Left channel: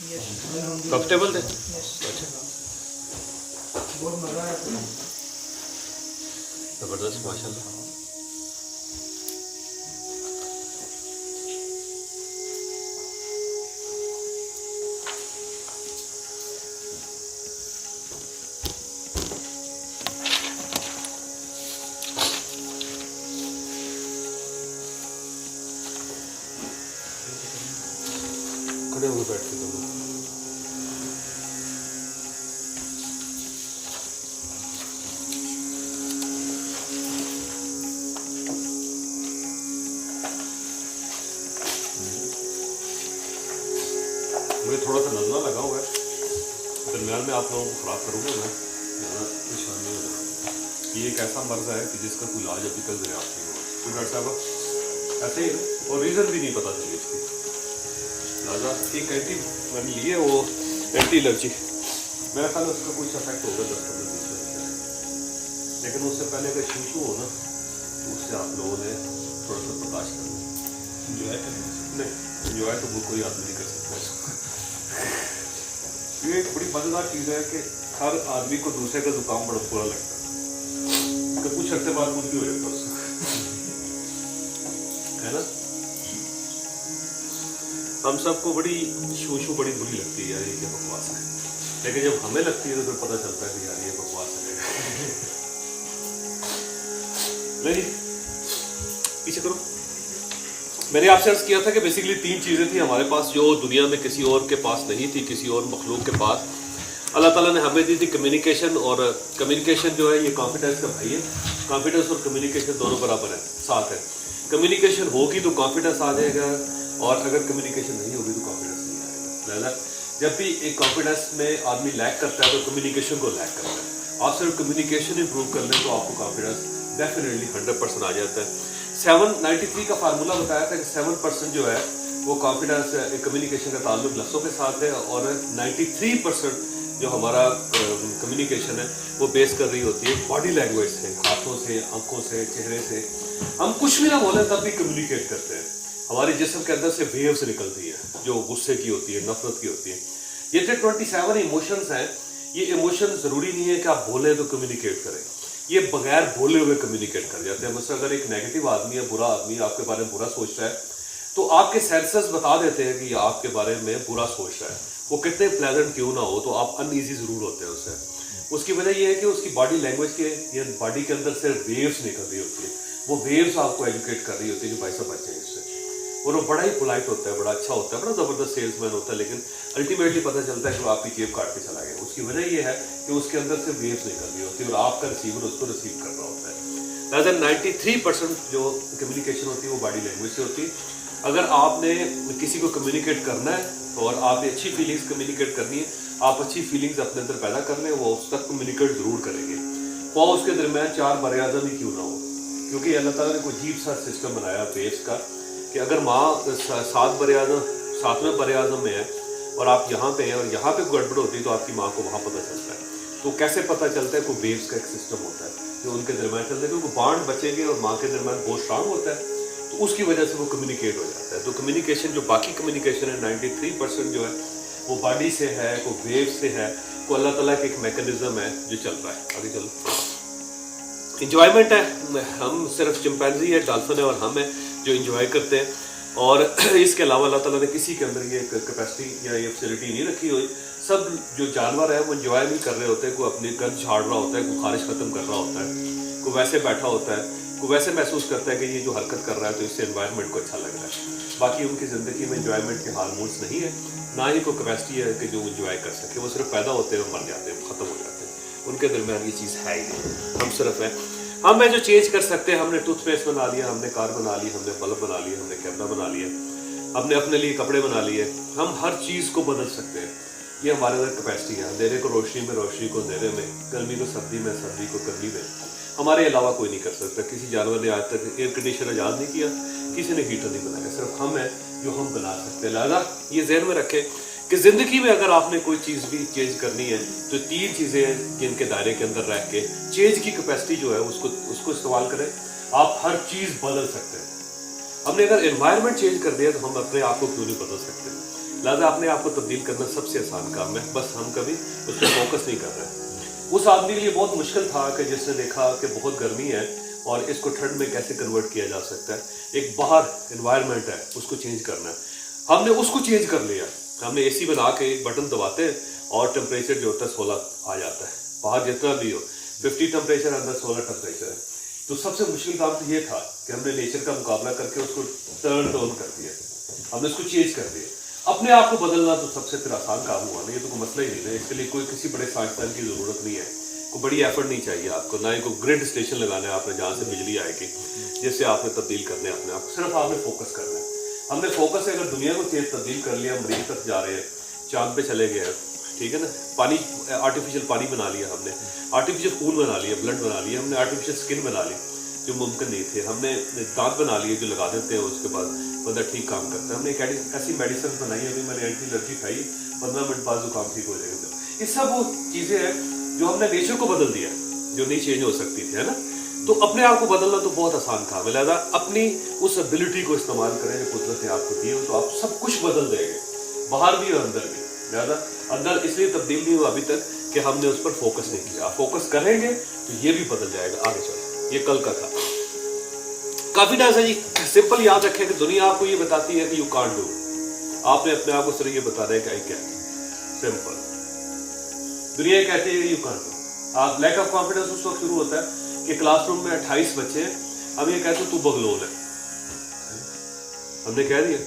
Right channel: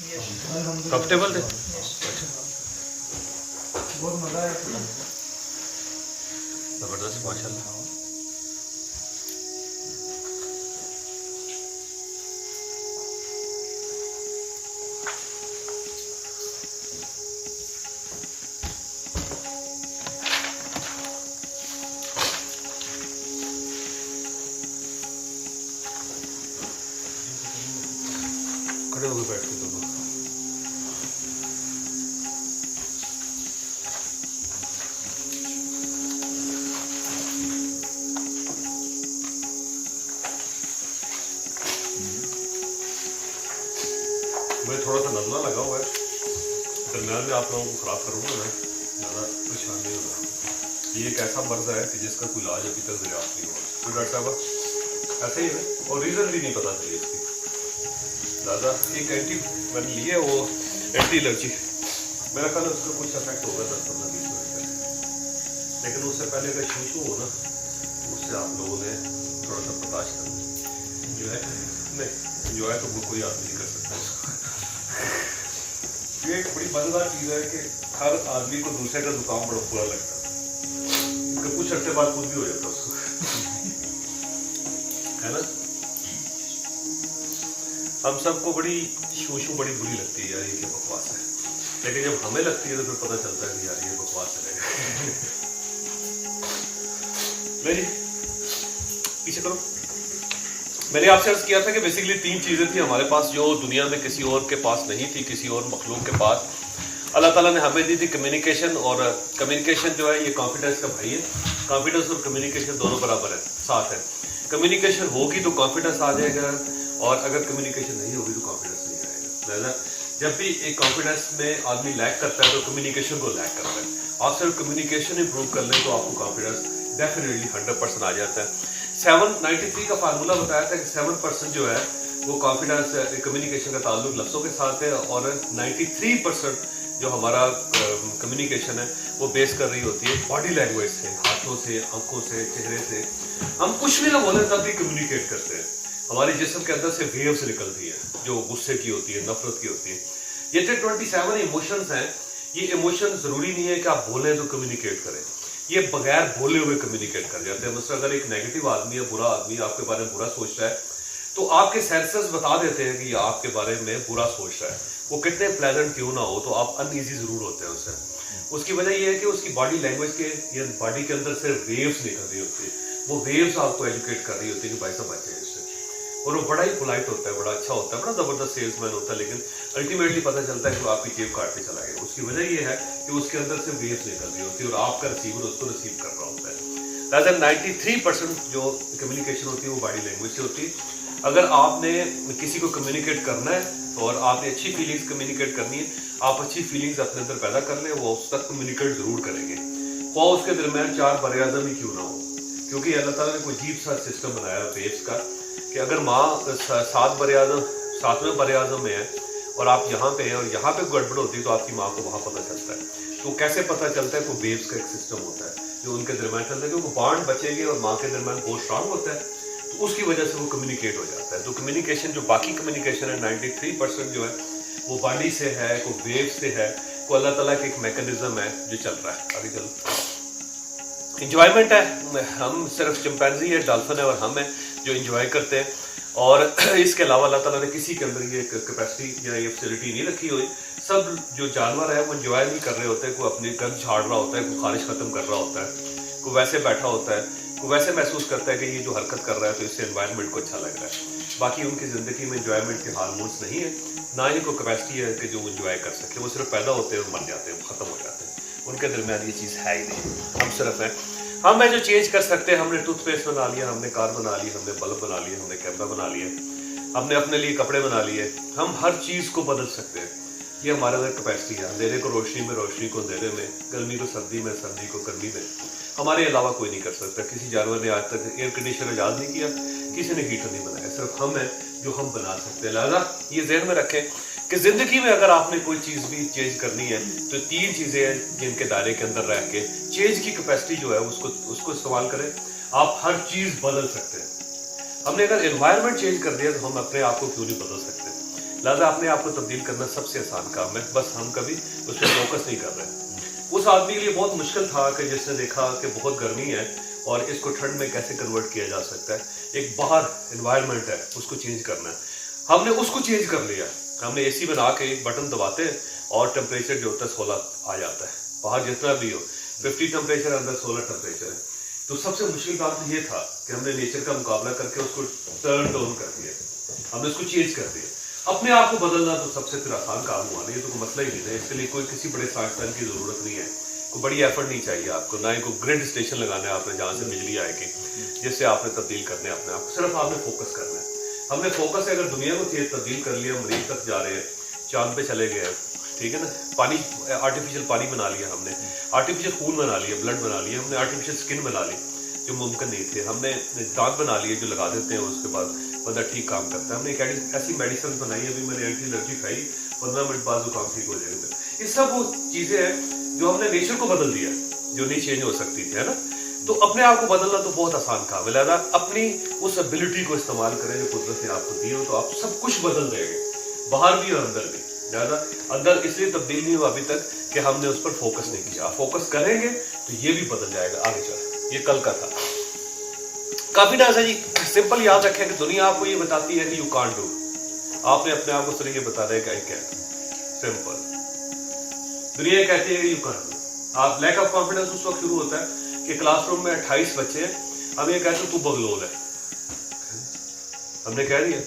Comfortable थे? बहुत मजा आया। जबरदस्त माशाल्लाह। खड़े होकर बैठ के दोनों मुझे थोड़ा सा नजला लगा हुआ है, दरम्यान में आप लोगों को ख़राब करूँगा मैं, ज़्यादा परेशान नहीं होगा। ये एक ऐसा मर्ज है कि जिसका कोई इलाज अभी तक दरियाफ्त नहीं हुआ। तो डॉक्टर साहब ऐसे ही है, और रीज़न भी नहीं पता चली इसकी। ज़्यादा एक एंटी मैंने लिए, वो एंटी एलर्जी, मेरा ख्याल है उसका कुछ इफेक्ट होगा 10-15 दिन से, लेकिन उससे पहले अगर शू हो ना तो उससे आप लोगों ने थोड़ा सा बर्दाश्त करना। इंजॉय नहीं, इंजॉय तो कोई आदमी नहीं कर सकता। ये एक बड़ी मजेदार चीज़ है कि हर आदमी को दूसरे का जुकाम बड़ा बुरा लगता है, तो कुछ अर्से बाद कुछ भी हो जाता है उसको, है ना। हम सबको बड़ी शू बड़ी बुरी लगती है यार, ये क्या बकवास है, लेकिन जब हमें लगती है तो फिर पता चलता है कि यार ये बकवास है। नहीं पीछे करो। मैंने आपसे अर्ज किया था कि बेसिकली 3 चीज़ें थी हमारे पास जो दुनिया में किसी और के पास नहीं थी, किसी और मखलूक के पास। अल्लाह ताला ने हमें दी थी कम्युनिकेशन, और कम्युनिकेशन जो है ये कॉन्फिडेंस का भाई है। कॉन्फिडेंस और कम्युनिकेशन दोनों बराबर है, साथ है। कम्युनिकेशन होगी तो कॉन्फिडेंस आ जाएगा, और अगर कम्युनिकेशन नहीं होगी तो कॉन्फिडेंस नहीं आएगा। जब भी एक कॉन्फिडेंस में आदमी लैक करता है तो कम्युनिकेशन को लैक करता है। आप सिर्फ कम्युनिकेशन इंप्रूव कर लें तो आपको कॉन्फिडेंस डेफिनेटली 100% आ जाता है। 793 का फार्मूला बताया था कि 7% जो है वो कॉन्फिडेंस कम्युनिकेशन का ताल्लुक लफ्ज़ों के साथ है, और 93% जो हमारा कम्युनिकेशन है वो बेस कर रही होती है बॉडी लैंग्वेज से, हाथों से, आंखों से, चेहरे से। हम कुछ भी ना बोले तब भी कम्युनिकेट करते हैं। हमारे जिस्म के अंदर से वेव्स निकलती है जो गुस्से की होती है, नफरत की होती है। ये जो 27 इमोशंस हैं, ये इमोशन ज़रूरी नहीं है कि आप बोलें तो कम्युनिकेट करें, ये बगैर बोले हुए कम्युनिकेट कर जाते हैं। मतलब अगर एक नेगेटिव आदमी है, बुरा आदमी आपके बारे में बुरा सोच रहा है, तो आपके सेंसेस बता देते हैं कि ये आपके बारे में बुरा सोच रहा है। वो कितने प्लेजेंट क्यों ना हो, तो आप अनईजी जरूर होते हैं उससे। उसकी वजह ये है कि उसकी बॉडी लैंग्वेज के या बॉडी के अंदर से वेव्स निकल रही होती है, वो वेव्स आपको एजुकेट कर रही होती है कि भाई साहब बचे इससे। और वो बड़ा ही पोलाइट होता है, बड़ा अच्छा होता है, बड़ा ज़बरदस्त सेल्समैन होता है, लेकिन अल्टीमेटली पता चलता है कि वो आपकी जेब काट के चला गया। उसकी वजह ये है कि उसके अंदर से वेव्स निकल रही होती है, और आपका रिसीवर उसको रिसीव कर रहा होता है। रादर 93% जो कम्युनिकेशन होती है वो बॉडी लैंग्वेज से होती है। अगर आपने किसी को कम्युनिकेट करना है और आपने अच्छी फीलिंग्स कम्युनिकेट करनी है, आप अच्छी फीलिंग्स अपने अंदर पैदा कर लें, वो उस तक कम्युनिकेट ज़रूर करेंगे, वो उसके दरमियान 4 बर-ए-आज़म ही क्यों ना हो। क्योंकि अल्लाह ताला ने कोई अजीब सा सिस्टम बनाया वेव्स का कि अगर माँ 7 बर-ए-आज़म 7वें बर-ए-आज़म में है और आप यहाँ पे हैं और यहाँ पे गड़बड़ होती है तो आपकी माँ को वहाँ पता चलता है। तो कैसे पता चलता है? कोई वेव्स का एक सिस्टम होता है जो उनके दरमियान चलता है, क्योंकि बॉन्ड बचेंगे और माँ के दरमियान बहुत स्ट्रांग होता है, तो उसकी वजह से वो कम्युनिकेट हो जाता है। तो कम्युनिकेशन जो बाकी कम्युनिकेशन है 93% जो है वो बॉडी से है, वो वेव से है, वो अल्लाह ताला का एक मैकेनिज्म है जो चल रहा है। आगे चलो, इंजॉयमेंट है। हम सिर्फ चिंपैंजी है, डॉल्फिन है और हम हैं जो इंजॉय करते हैं, और इसके अलावा अल्लाह ताला ने किसी के अंदर ये कैपेसिटी या ये फैसिलिटी नहीं रखी हुई। सब जो जानवर है वो इंजॉय नहीं कर रहे होते हैं, कोई अपनी गंद झाड़ रहा होता है, कोई खारिश खत्म कर रहा होता है, कोई वैसे बैठा होता है, कोई वैसे महसूस करता है कि ये जो हरकत कर रहा है तो इससे एनवायरनमेंट को अच्छा लग रहा है। बाकी उनकी ज़िंदगी में इंजॉयमेंट के हार्मोन्स नहीं है, ना ही कोई कैपेसिटी है कि जो इंजॉय कर सके। वो सिर्फ पैदा होते हैं, मर जाते हैं, ख़त्म हो जाते हैं, उनके दरमियान ये चीज़ है ही नहीं। हम सिर्फ है, हम है जो चेंज कर सकते हैं। हमने टूथपेस्ट बना लिया, हमने कार बना ली, हमने बल्ब बना लिया, हमने कैमरा बना लिया, हमने अपने लिए कपड़े बना लिए। हम हर चीज़ को बदल सकते हैं, ये हमारे अंदर कैपेसिटी है। अंधेरे को रोशनी में, रोशनी को अंधेरे में, गर्मी को सर्दी में, सर्दी को गर्मी में। हमारे अलावा कोई नहीं कर सकता। किसी जानवर ने आज तक एयर कंडीशनर ईजाद नहीं किया, किसी ने हीटर नहीं बनाया, सिर्फ हम हैं जो हम बना सकते हैं। लिहाजा ये ज़हन में रखें कि ज़िंदगी में अगर आपने कोई चीज़ भी चेंज करनी है तो 3 चीज़ें हैं जिनके दायरे के अंदर रह के चेंज की कैपेसिटी जो है उसको इस्तेमाल करें। आप हर चीज़ बदल सकते हैं। हमने अगर एनवायरनमेंट चेंज कर दिया तो हम अपने आप को क्यों नहीं बदल सकते? लिहाजा अपने आप को तब्दील करना सबसे आसान काम है, बस हम कभी उस पर फोकस नहीं कर रहे। उस आदमी के लिए बहुत मुश्किल था कि जिसने देखा कि बहुत गर्मी है और इसको ठंड में कैसे कन्वर्ट किया जा सकता है, एक बाहर इन्वायरमेंट है उसको चेंज करना है। हमने उसको चेंज कर लिया, हमने एसी बना के एक बटन दबाते हैं और टेम्परेचर जो होता है 16 आ जाता है, बाहर जितना भी हो 50 टेम्परेचर, अंदर 16 टेम्परेचर है। तो सबसे मुश्किल काम तो ये था कि हमने नेचर का मुकाबला करके उसको टर्न डाउन कर दिया, हमने उसको चेंज कर दिया। अपने आप को बदलना तो सबसे फिर आसान काम हुआ नहीं, ये तो कोई मसला ही नहीं है, इसके लिए कोई किसी बड़े साइंसदान की जरूरत नहीं है, कोई बड़ी एफर्ट नहीं चाहिए आपको, ना ही कोई ग्रिड स्टेशन लगाना है आपने जहाँ से बिजली आएगी जिससे आपने तब्दील करने अपने आप को, सिर्फ आपने फोकस करना है। हमने फोकस अगर दुनिया को तेज तब्दील कर लिया, मरीज तक जा रहे हैं, चांद पे चले गए, ठीक है ना, पानी आर्टिफिशियल पानी बना लिया हमने, आर्टिफिशियल खून बना लिया, ब्लड बना लिया हमने, आर्टिफिशियल स्किन बना ली जो मुमकिन नहीं थे, हमने दांत बना लिए जो लगा देते हैं उसके बाद बंदा ठीक काम करता है, हमने एक ऐसी मेडिसिन बनाई है, अभी मैंने एंटी एलर्जी खाई 15 मिनट बाद जुकाम ठीक हो जाएगा। ये सब वो चीज़ें हैं जो हमने नेचर को बदल दिया, जो नहीं चेंज हो सकती थी, है ना। तो अपने आप को बदलना तो बहुत आसान काम है, लिहाजा अपनी उस एबिलिटी को इस्तेमाल करें जो कुदरत ने आपको दी हो, तो आप सब कुछ बदल देंगे, बाहर भी और अंदर भी। लिहाजा अंदर इसलिए तब्दील नहीं हुआ अभी तक कि हमने उस पर फोकस नहीं किया, फोकस करेंगे तो ये भी बदल जाएगा आगे चल। ये कल का था। कॉन्फिडेंस है जी, सिंपल याद रखें कि दुनिया आपको ये बताती है कि यू कांट डू, आपने अपने आप को सिर्फ ये बता दिया कि क्या, सिंपल। दुनिया कहती है कि यू कांट डू। आप लैक ऑफ कॉन्फिडेंस उस वक्त शुरू होता है कि क्लासरूम में 28 बच्चे, हम ये कहते हैं तू बगलोल है, हमने कह दिया,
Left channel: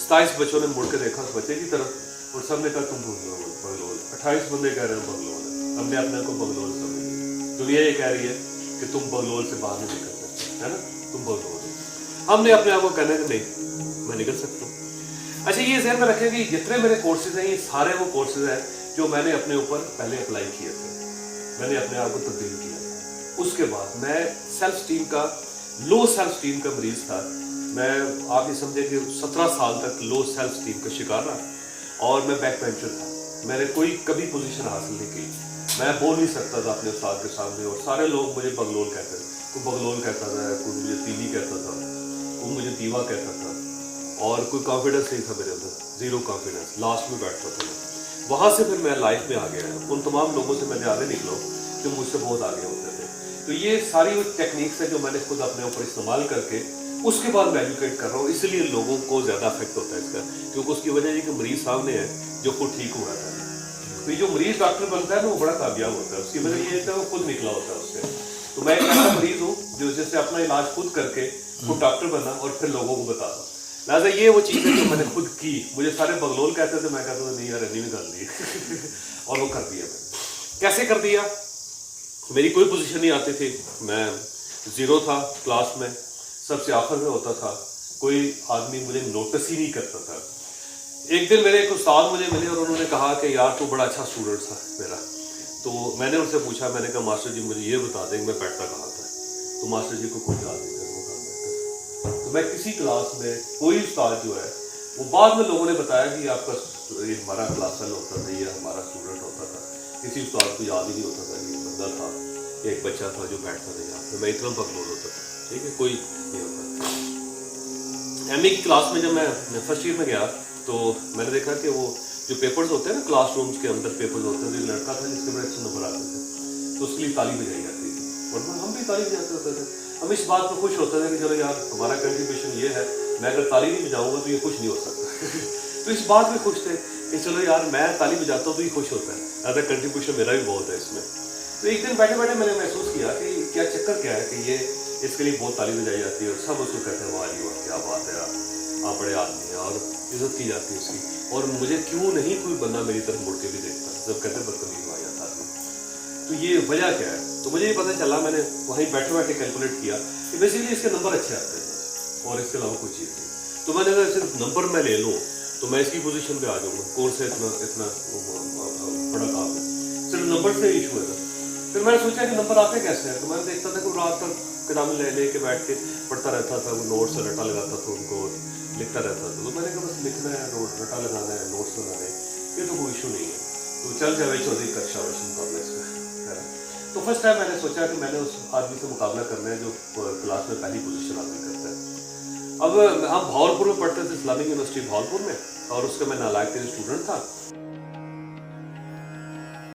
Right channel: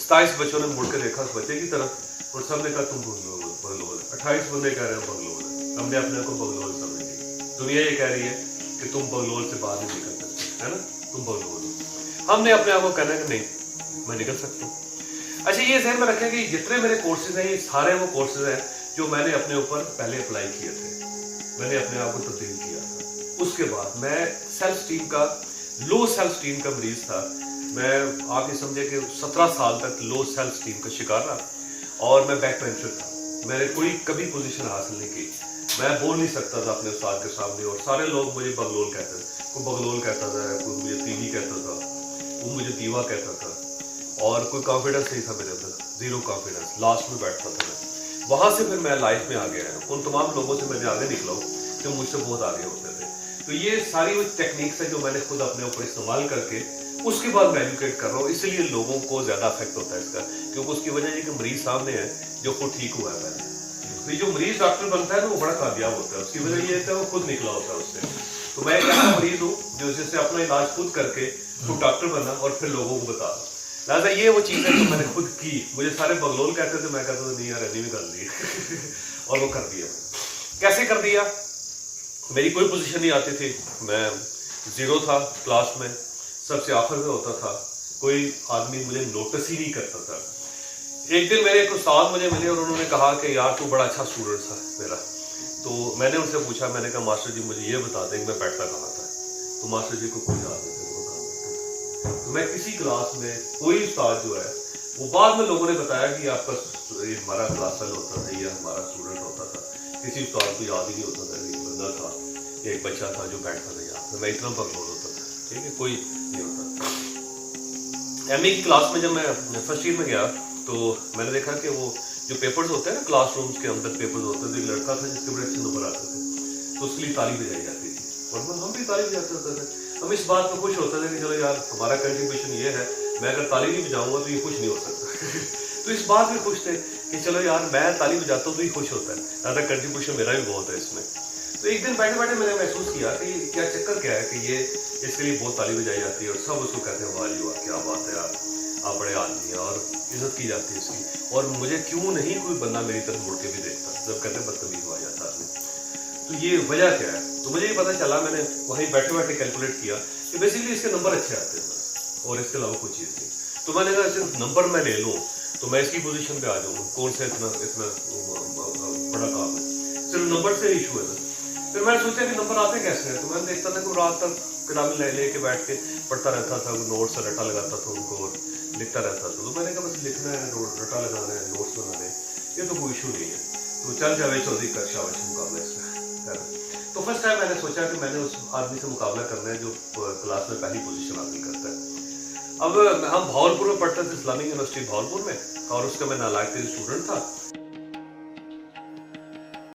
27 बच्चों ने मुड़ के देखा उस बच्चे की तरफ और सबने कहा तुम बगलोल, 28 बंदे कह रहे हैं बगलोल है, हमने अपने को बगलोल समझ लिया। दुनिया ये कह रही है कि तुम बगलोल से बाहर नहीं निकल सकते, है ना, तुम बगलोल हो। हमने अपने आप को कहना कि नहीं मैं निकल सकता हूँ। अच्छा ये ज़हन में रखें कि जितने मेरे कोर्सेज हैं ये सारे वो कोर्सेज हैं जो मैंने अपने ऊपर पहले अप्लाई किए थे, मैंने अपने आप को तब्दील किया। उसके बाद मैं सेल्फ स्टीम का, लो सेल्फ स्टीम का मरीज था, मैं आप ये समझे कि 17 साल तक लो सेल्फ स्टीम का शिकार रहा और मैं बैक बेंचर था, मैंने कोई कभी पोजीशन हासिल नहीं की, मैं बोल नहीं सकता था अपने उस्ताद के सामने और सारे लोग मुझे बगलोल कहते थे, कोई बगलोल कहता था, कोई मुझे तीली कहता था, कोई मुझे दीवा कहता था और कोई कॉन्फिडेंस नहीं था मेरे अंदर, जीरो कॉन्फिडेंस, लास्ट में बैठता था मैं। वहाँ से फिर मैं लाइफ में आ गया, उन तमाम लोगों से मैं आगे निकला हूँ जो मुझसे बहुत आगे होते थे। तो ये सारी वो टेक्निक्स है जो मैंने खुद अपने ऊपर इस्तेमाल करके उसके बाद मैं एजुकेट कर रहा हूँ, इसलिए लोगों को ज़्यादा अफेक्ट होता है इसका, क्योंकि उसकी वजह ये कि मरीज सामने है जो खुद ठीक हुआ है। तो जो मरीज डॉक्टर बनता है ना वो बड़ा कामयाब होता है, उसकी वजह ये है कि वो खुद निकला होता है उससे। तो मैं एक ऐसा मरीज हूँ जो जैसे अपना इलाज खुद करके खुद डॉक्टर बना और फिर लोगों को बता दो। लिहाजा ये वो चीज़ है जो मैंने खुद की, मुझे सारे बगलोल कहते थे, मैं कहता था नहीं यार रनी भी कर दी और वो कर दिया। कैसे कर दिया? मेरी कोई पोजीशन नहीं आती थी, मैं जीरो था क्लास में, सबसे आखिर में होता था, कोई आदमी मुझे नोटिस ही नहीं करता था। एक दिन मेरे एक उस्ताद मुझे मिले और उन्होंने कहा कि यार तू बड़ा अच्छा स्टूडेंट था मेरा। तो मैंने उनसे पूछा, मैंने कहा मास्टर जी मुझे ये बता दें मैं बैठता कहाँ था। तो मास्टर जी को कोई याद नहीं था। तो मैं किसी क्लास में कोई उस्ताद जो है वो बाद में लोगों ने बताया कि आपका हमारा क्लास होता था, ये हमारा स्टूडेंट होता था। किसी उस्ताद को याद ही नहीं होता था, एक बंदा था, एक बच्चा था जो बैठता था यहाँ पे, मैं इतना बकलोल होता था, ठीक है, कोई नहीं होता। एमए की क्लास में जब मैं फर्स्ट ईयर में गया तो मैंने देखा कि वो जो पेपर्स होते हैं ना क्लासरूम्स के अंदर पेपर्स होते हैं, तो एक लड़का था जिसके बड़े अच्छे नंबर आते थे, तो उसके लिए ताली बजाई जाती थी और हम भी ताली बजाते होते थे। हम इस बात पर खुश होते थे कि चलो यार हमारा कंट्रीब्यूशन ये है, मैं अगर ताली नहीं बजाऊंगा तो ये खुश नहीं हो सकता तो इस बात में खुश थे कि चलो यार मैं ताली बजाता हूँ तो ये खुश होता है, अगर कंट्रीब्यूशन मेरा भी बहुत है इसमें। तो एक दिन बैठे बैठे मैंने महसूस किया कि क्या चक्कर क्या है कि ये इसके लिए बहुत ताली बजाई जाती है और सब उसको कहते हैं वाह जी वाह क्या बात है यार, आप बड़े आदमी हैं, और इज्जत की जाती है उसकी, और मुझे क्यों नहीं कोई बंदा मेरी तरफ मुड़ के भी देखता जब कहते बदतमीज हुआ जाता है। तो ये वजह क्या है? तो मुझे ये पता चला, मैंने वहीं बैठे बैठे कैलकुलेट किया कि बेसिकली इसके नंबर अच्छे आते हैं और इसके अलावा कोई चीज़ नहीं। तो मैंने अगर सिर्फ नंबर मैं ले लूँ तो मैं इसकी पोजीशन पे आ जाऊँगा, कौन सा इतना बड़ा काम है, सिर्फ नंबर से इशू है। फिर मैंने सोचा कि नंबर आते कैसे हैं, तो मैंने देखता था कि रात तक किताबें ले के बैठ के पढ़ता रहता था, वो नोट्स से रटा लगाता था, उनको लिखता रहता था। तो मैंने कहा बस लिखना है, रटा लगाना है, नोट्स बनाना है, ये तो कोई इशू नहीं है, तो चल जावे चौधरी का शाबाश मुकाबला इसमें। तो फर्स्ट टाइम मैंने सोचा कि मैंने उस आदमी से मुकाबला करना है जो क्लास में पहली पोजीशन हासिल करता है। अब हम भावलपुर में पढ़ते थे, इस्लामिक यूनिवर्सिटी भावलपुर में, اور اس کا میں نالائق اسٹوڈنٹ تھا.